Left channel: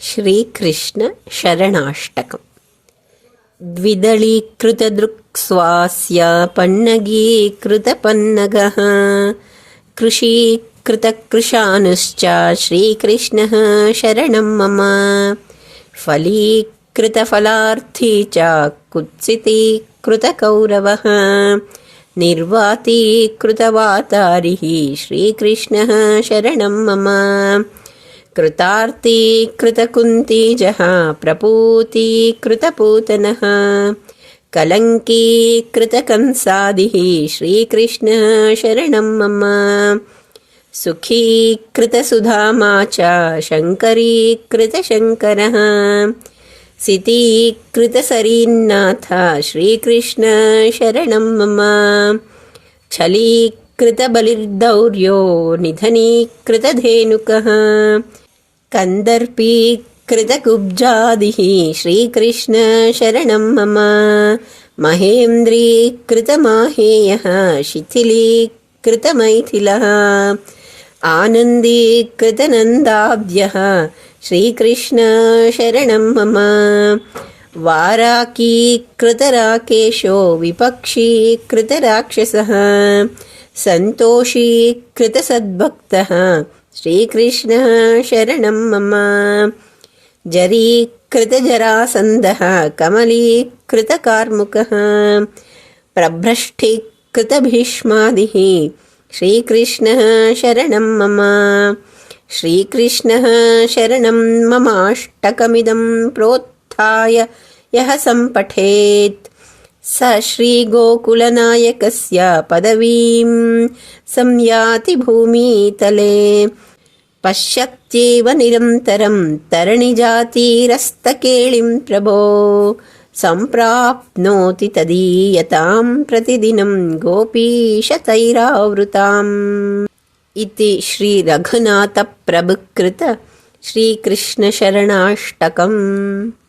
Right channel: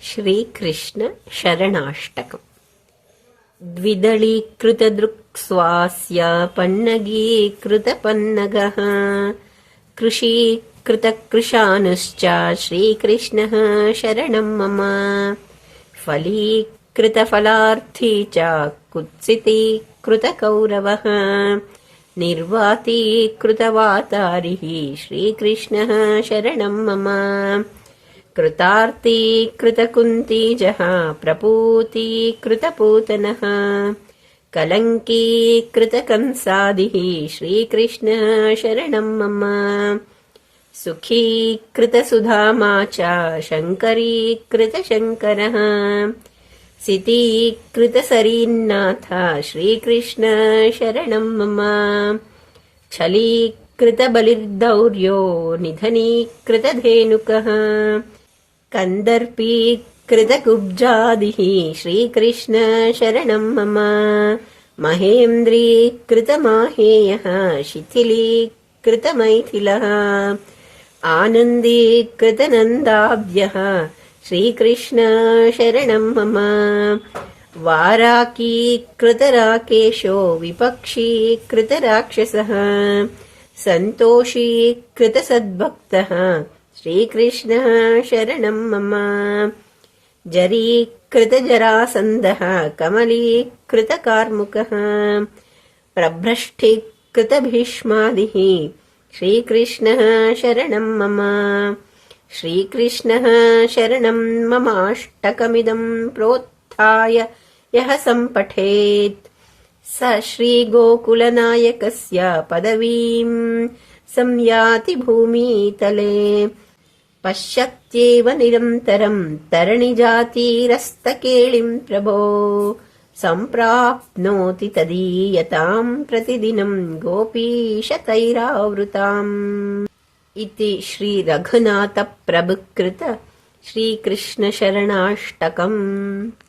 श्रीकृष्णशरणाष्टकम् द्विदलीकृतदृक्स्वास्यापन्नगीकृतपन्नगः। कृषीकृतकृशानुश्च श्रीकृष्णः शरणं मम। फलीकृतफलार्थी च कुत्सितीकृतकौरवः। निर्वातीकृतवातारिः श्रीकृष्णः शरणं मम कृतार्तीकृतकुन्तीजः प्रपूतीकृतपूतनः कलङ्कीकृतकंसादिः श्रीकृष्णः शरणं मम। सुखीकृतसुधामा च शङ्करीकृतशङ्करः सितीकृतसरीन्नाथ श्रीकृष्ण शरणं मम। छलीकृतबलिर्दौर्यो निधनीकृतधेनुकः कन्दर्पीकृतकुब्जादिः श्रीकृष्णशरणं मम। महेन्द्रीकृतमाहेयः शिथिलीकृतमैथिलः। आनन्दीकृतनन्दाब्जः श्रीकृष्णशरणं मम। वाराकीकृतराकेशो विपक्षीकृतराक्षसः। सन्तोषीकृतसद्भक्तः श्रीकृष्णः शरणं मम। जरीकृतजरासन्दः कमलीकृतकार्मुकः। प्रभ्रष्ठीकृतभीष्मादिः श्रीकृष्णः शरणं मम। श्रीकृष्णः शरणं ममाष्टकमिदं प्रोत्थाय यः सम्पठेत्। स श्रीगोकुलनायकस्य पदवीं संयाति भूमितले। पश्यत्येव निरन्तरं तरणिजातीरस्तकेळिं प्रभो। सम्प्राप्नोति तदीयतां प्रतिदिनं गोपीशतैरावृताम्। इति श्रीरघुनाथप्रभुकृत श्रीकृष्णशरणाष्टकम्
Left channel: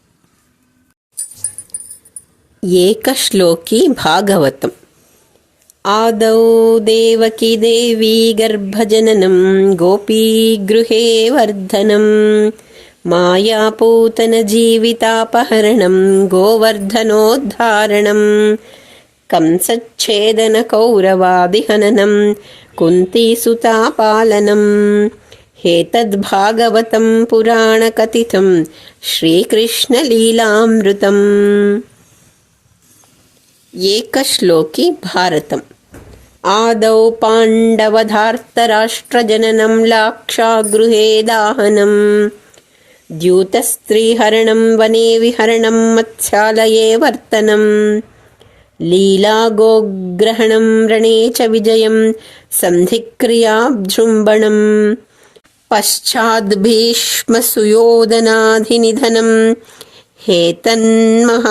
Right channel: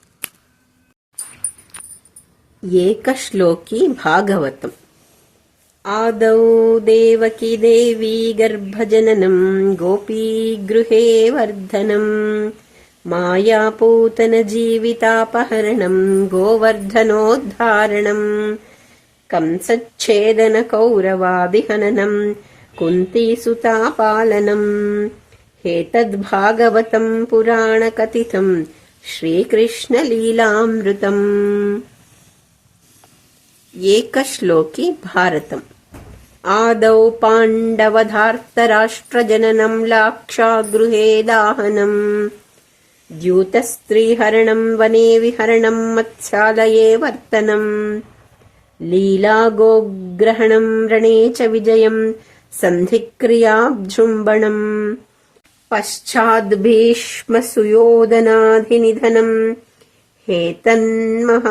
एकश्लोकी भागवतम्। आदौ देवकी देवी गर्भजननं गोपीगृहे वर्धनम् मायापूतनजीवितापहरणं गोवर्धनोद्धारणम् कंसच्छेदनकौरवादिहननं कुन्तीसुतापालनम् हेतद्भागवतं पुराणकथितं श्रीकृष्णलीलामृतम् एकश्लोकी भारतम् आदौ पाण्डवधार्तराष्ट्रजननं लाक्षागृहे दाहनं द्यूतस्त्रीहरणं वने विहरणं मत्स्यालये वर्तनम् लीलागोग्रहणं रणे च विजयं सन्धिक्रियाभृम्बणम् पश्चाद्भीष्मसुयोधनाधिनिधनं हेतन्महाभारतम्